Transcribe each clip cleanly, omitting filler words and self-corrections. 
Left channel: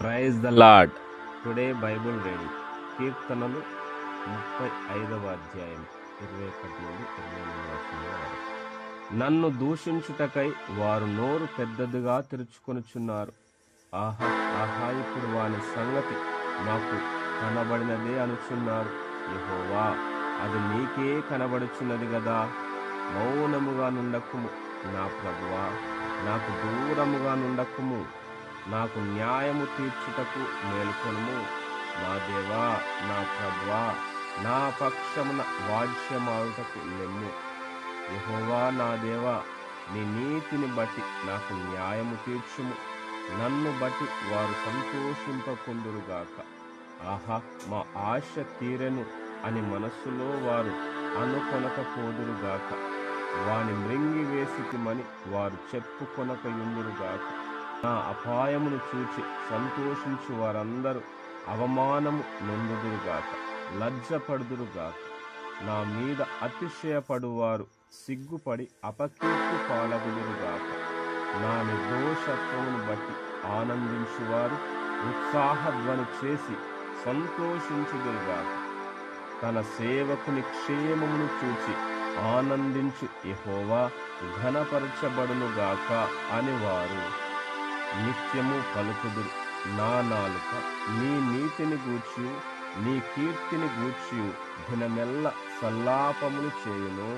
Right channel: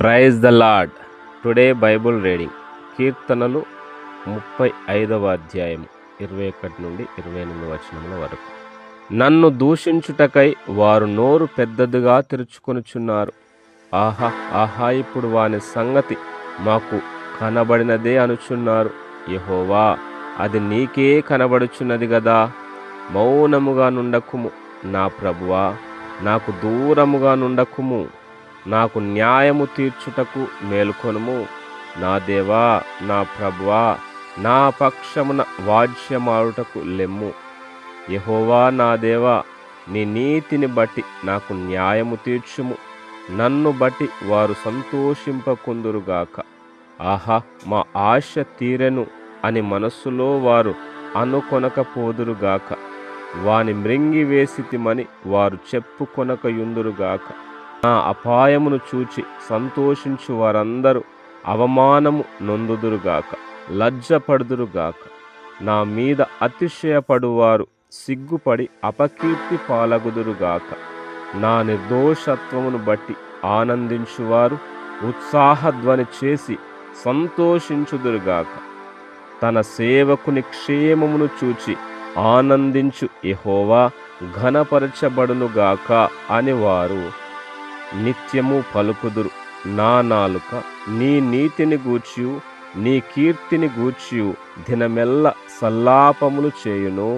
Praise the lord. Today Bible reading కీర్తనలు 35వ అధ్యాయం 21 నుండి 28 వచనముల వరకు. నన్ను దూషించుటకై వారు నోరు పెద్దదిగా తెరుచుకొనుచున్నారు. ఆహా ఆహా, ఇప్పుడు వాని సంగతి మాకు కనబడినదే అనుచున్నారు. యెహోవా, అది నీకే కనబడుచున్నది గదా. మౌనముగా నుండకుము నా ప్రభువా, నాకు దూరముగా నుండకుము. నాకు న్యాయము తీర్చుటకు మేలుకొనుము. నా దేవా, నా ప్రభువా, నా పక్షమున వాజ్యమాడుటకు లెమ్ము. యెహోవా నా దేవా, నీ నీతిని బట్టి నాకు న్యాయము తీర్చుము. నన్ను బట్టి వారు సంతోషింపకుందురుగాక. ఆహా, మా ఆశ తీరెను అని మనస్సులో వారు అనుకొనకపోదురుగాక. వాని మృంగి వేసితిమని వారు చెప్పుకొనకయుందురుగాక. నా అపాయమును చూచి సంతోషించు వారందరూ అవమానము నొందుదురుగాక, లజ్జపడుదురుగాక. నా మీద అతిశయపడువారు సిగ్గుపడి అపకీర్తి పాలగుదురుగాక. నా నిర్దోషత్వమును బట్టి ఆనందించువారు ఉత్సాహధ్వని చేసి సంతోషించుదురుగాక. తన సేవకుని క్షేమమును చూచి ఆనందించు యెహోవా ఘనపరచబడునుగాక అని వారు నిత్యము పలుకుదురు. నా నాలుక నీ నీతిని గూర్చియు నీ కీర్తిని గూర్చియు దినమెల్ల సల్లాపములు చేయును.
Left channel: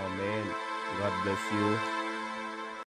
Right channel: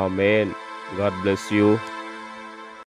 ఆమేన్. God bless you.